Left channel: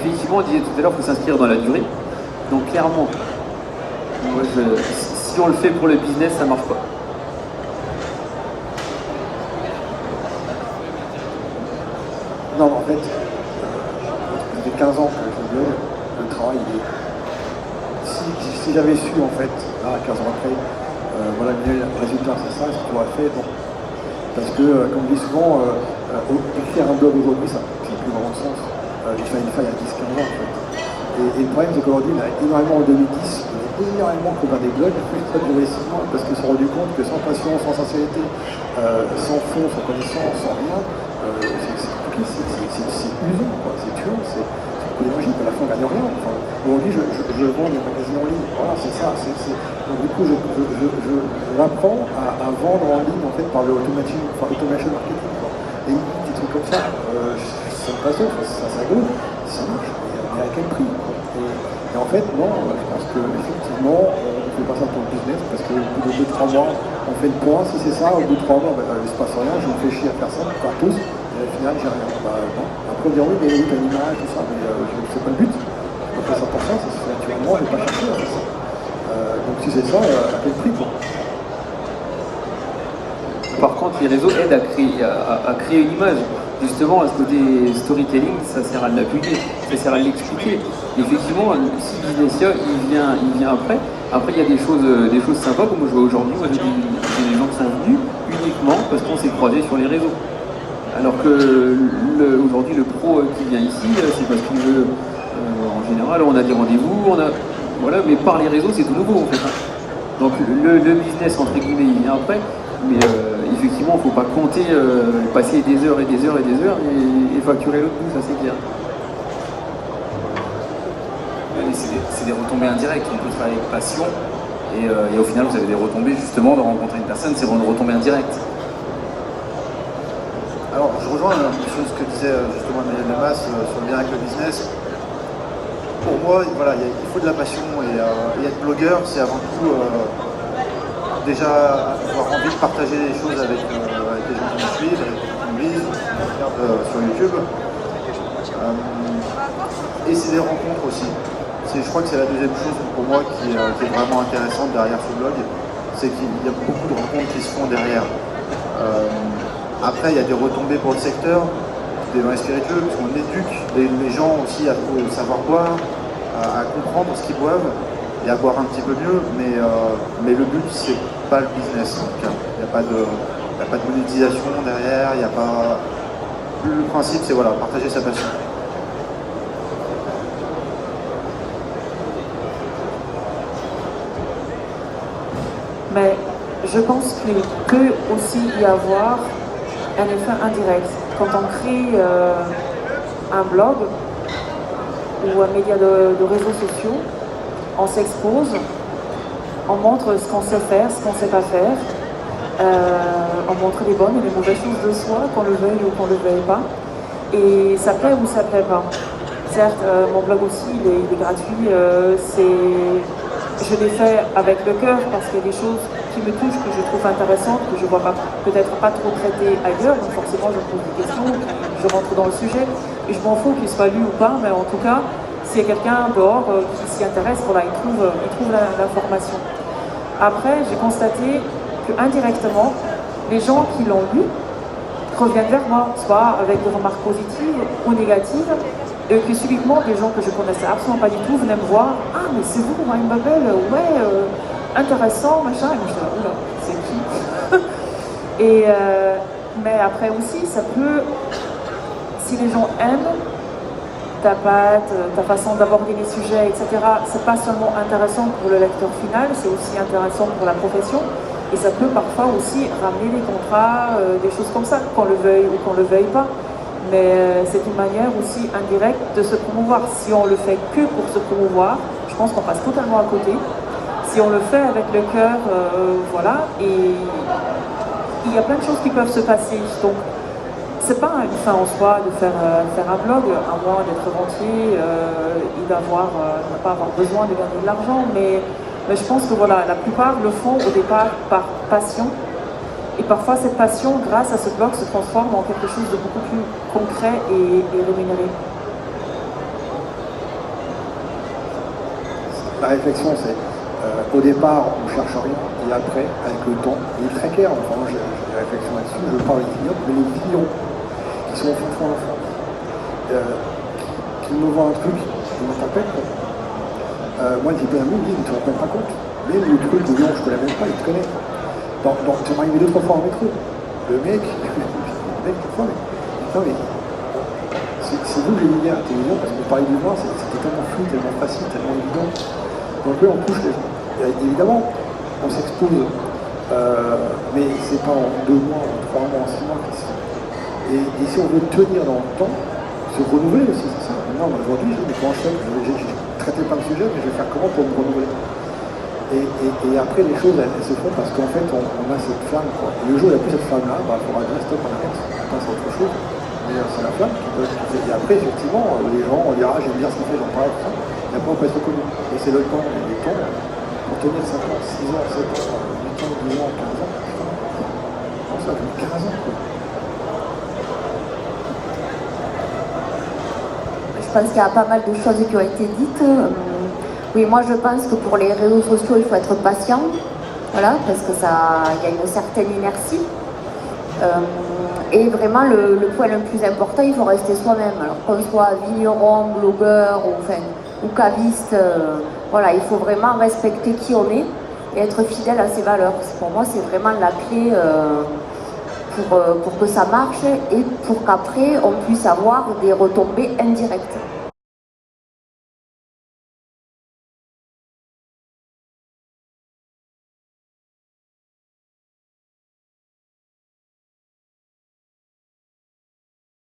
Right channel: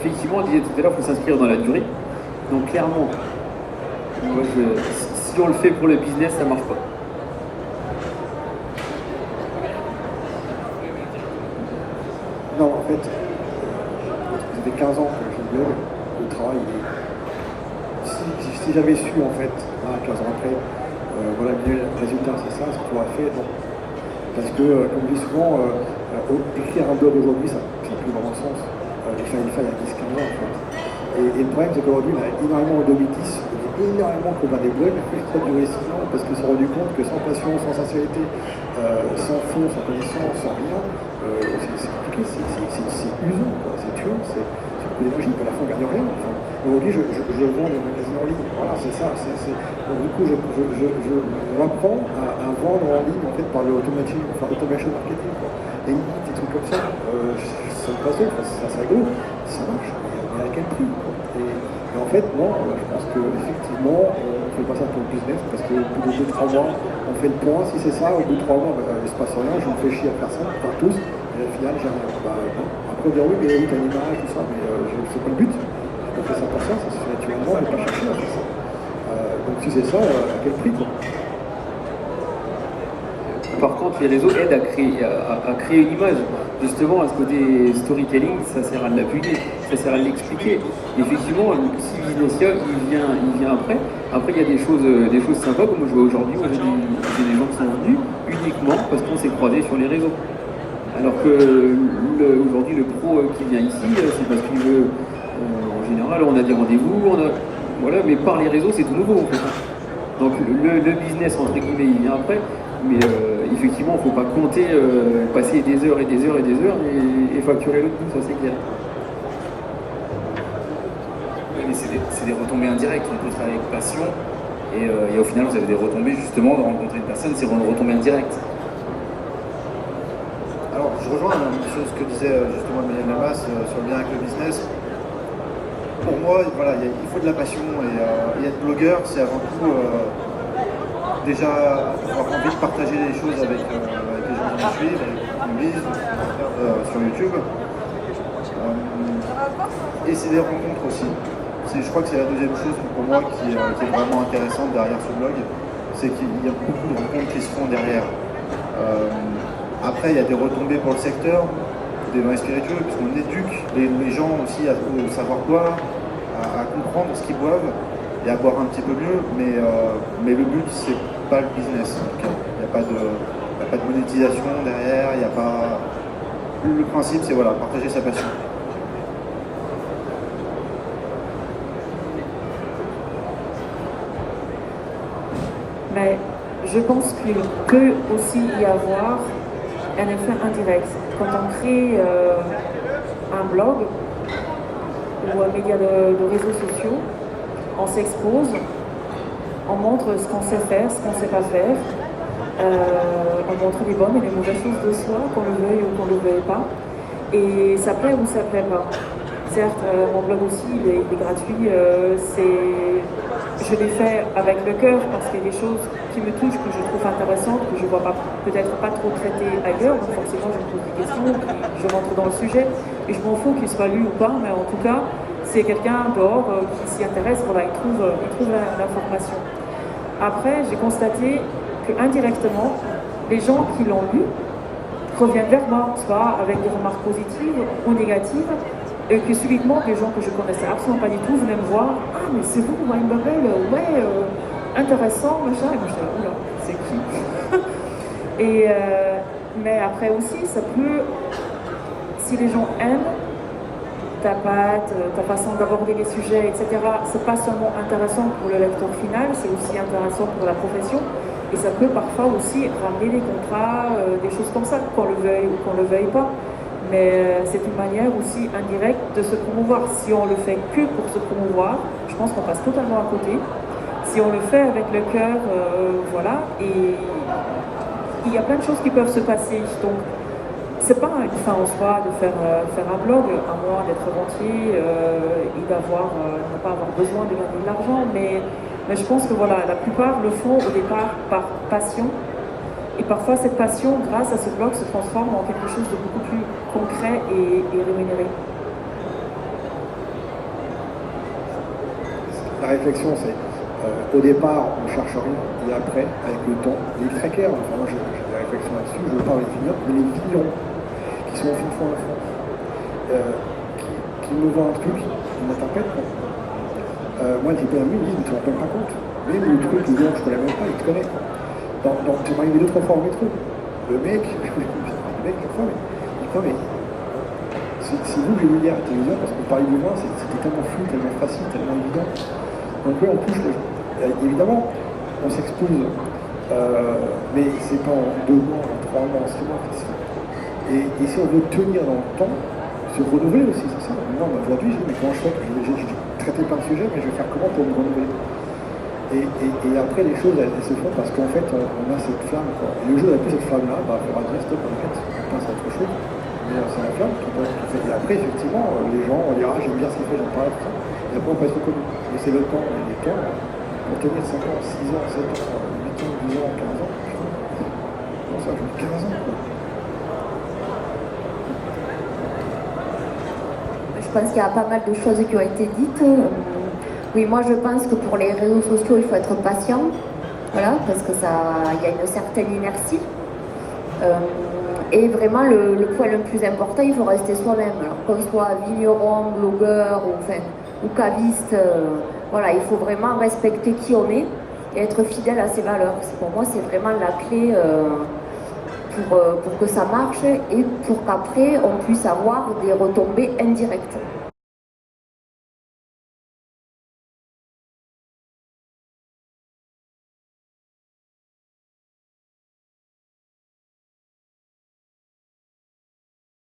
effectivement, on disait tout à l'heure, il faut s'inscrire dans la durée. Donc clairement, moi, si on le fait pour le business, ça marche pas. Non, en fait, ça fait 15 ans que je blog, le travail, si j'avais su, en fait, là, 15 ans après, voilà, le résultat, c'est ça, ce qu'on a fait, non. Parce que, comme je dis souvent, écrire un blog aujourd'hui, ça n'a plus vraiment de sens. Il fallait il y a 10-15 ans, en fait. Et le problème, c'est qu'aujourd'hui, on a énormément en 2010, énormément qu'on a des blogs, ça a duré 6 ans, parce qu'ils se sont rendus compte que sans passion, sans sincérité, sans fond, sans connaissance, sans rien, c'est usant, quoi, c'est tuant, c'est beaucoup d'énergie, à la fin on gagne rien. Enfin, aujourd'hui je vends des magazines en ligne, voilà, c'est ça. Donc du coup j'apprends à vendre en ligne en fait par le automation marketing, quoi. Et des trucs comme ça, ça me passe, ça go, ça marche, mais à quel prix, quoi. Et en fait non, je pense qu'effectivement on ne fait pas ça pour le business, parce qu'au bout de 2-3 mois on fait le point, si c'est ça, au bout de 3 mois il ne se passe rien, je me fais chier à faire ça, par tous. Et au final, j'ai rien. Après, dire oui, mais oui, t'as une image, tout ça, mais c'est pas le but. Donc, ça pour ça, c'est naturellement, je n'ai pas cherché à faire ça. Donc, si c'est ça, à quel prix, quoi. Par contre, les réseaux aident à créer une image. Justement, à ce côté storytelling, ça sert à l'appuyer, ça sert à l'expliquer. Effectivement, si le business il vient après. Après, il y a des choses sympas, comme je vois aujourd'hui, j'ai des gens qui sont venus uniquement parce qu'on s'est croisés sur les réseaux. Alors que aujourd'hui, le pro qui vient ici, c'est parce qu'il veut, en général, on a des rendez-vous, voilà, mais par les réseaux, c'est tout nouveau en fait. Donc le business, entre guillemets, il vient après, mais effectivement, il ne faut pas compter, passer des heures et des heures et des heures et facturer l'autre bout, ça c'est clair. Oui, c'est des retombées indirectes, on peut travailler avec passion, et au final, vous avez des retombées justement de rencontrer une personne, c'est une retombée indirecte. Alors, je rejoins ce que disait justement Emmanuel Lamas sur le lien avec le business. Pour moi, voilà, il faut de la passion et être blogueur, c'est avant tout déjà avoir envie de partager les choses avec les gens qui me suivent, avec les gens qui me lisent, qui me regardent sur YouTube. Et c'est des rencontres aussi. Je crois que c'est la deuxième chose pour moi qui est vraiment intéressante derrière ce blog, c'est qu'il y a beaucoup de rencontres qui se font derrière. Après, il y a des retombées pour le secteur, des vins spiritueux, parce qu'on éduque les gens aussi à savoir boire, à comprendre ce qu'ils boivent et à boire un petit peu mieux, mais le but, c'est pas le business. Il n'y a pas de monétisation derrière, il n'y a pas... Le principe, c'est voilà, partager sa passion. Mais je pense qu'il peut aussi y avoir un effet indirect. Quand on crée un blog ou un média de réseaux sociaux, on s'expose, on montre ce qu'on sait faire, ce qu'on ne sait pas faire, on montre les bonnes et les mauvaises choses de soi, qu'on le veuille ou qu'on ne le veuille pas. Et ça plaît ou ça ne plaît pas. Certes, mon blog aussi, il est gratuit, je l'ai fait avec le cœur parce qu'il y a des choses qui me touchent, que je trouve intéressantes, que je ne vois peut-être pas trop traitées ailleurs, donc forcément je me pose des questions, je rentre dans le sujet, et je m'en fous qu'il soit lu ou pas, mais en tout cas, s'il y a quelqu'un dehors qui s'y intéresse, voilà, il trouve l'information. Après, j'ai constaté que indirectement, les gens qui l'ont lu reviennent vers moi, soit avec des remarques positives ou négatives, et que subitement, des gens que je connaissais absolument pas du tout venaient me voir. « Ah, mais c'est vous, Wine Bubble, ouais, intéressant, machin. » Et je dis « Oh non, c'est qui ?» Mais après aussi, ça peut, si les gens aiment ta patte, ta façon d'aborder les sujets, etc., c'est pas seulement intéressant pour le lecteur final, c'est aussi intéressant pour la profession. Et ça peut parfois aussi ramener des contrats, des choses comme ça, qu'on le veuille ou qu'on le veuille pas. Mais c'est une manière aussi indirecte de se promouvoir. Si on le fait que pour se promouvoir, je pense qu'on passe totalement à côté. Si on le fait avec le cœur, voilà, et il y a plein de choses qui peuvent se passer. Donc, c'est pas une fin en soi de faire un blog, à moins d'être rentier et ne pas avoir besoin de gagner de l'argent. Mais je pense que voilà, la plupart le font au départ par passion. Et parfois, cette passion, grâce à ce blog, se transforme en quelque chose de beaucoup plus concret et rémunéré. la réflexion, c'est au départ, on ne cherche rien, et après, avec le temps, il est très clair. Enfin, moi, j'ai des réflexions là-dessus. Je parle des vignobles, mais les vignerons qui sont au fond en France, qui me voient un truc, ils me tempête. Moi, je peux amener, ils ne se rendent même pas compte. Mais le truc, le gens, je ne connais même pas, ils te connaissent. Ça m'est arrivé 2-3 fois en métro. Le mec, parfois, mais c'est vous que j'ai vu hier à la télévision, parce que parler du vin, c'était tellement flou, tellement facile, tellement évident. Donc là, on touche les gens. Évidemment, on s'expose, mais c'est pas en 2 mois, en 3 mois, en 6 mois. Et si on veut tenir dans le temps, se renouveler aussi, c'est ça. Moi, aujourd'hui, je dis, mais comment je fais? Je traite pas le sujet, mais je vais faire comment pour me renouveler? Et après, les choses, elles se font parce qu'en fait, on a cette flamme, quoi. Et le jour où il n'y a plus cette flamme-là, il faudra dire stop, on arrête, on pense à autre chose. Mais c'est la flamme. Et après, effectivement, les gens, on dira, j'ai bien ce qu'il fait, donc pas tout ça. Et après, on peut être reconnu. Et c'est le temps, et les temps, pour tenir 5 ans, 6 ans, 7 ans, 8 ans, 10 ans, 15 ans, putain. Non, ça fait 15 ans, quoi. Je pense qu'il y a pas mal de choses qui ont été dites. Oui, moi je pense que pour les réseaux sociaux, il faut être patient, voilà, parce que il y a une certaine inertie. Et vraiment, le point le plus important, il faut rester soi-même. Alors qu'on soit vigneron, blogueur ou caviste, voilà, il faut vraiment respecter qui on est et être fidèle à ses valeurs. Pour moi, c'est vraiment la clé pour que ça marche et pour qu'après, on puisse avoir des retombées indirectes.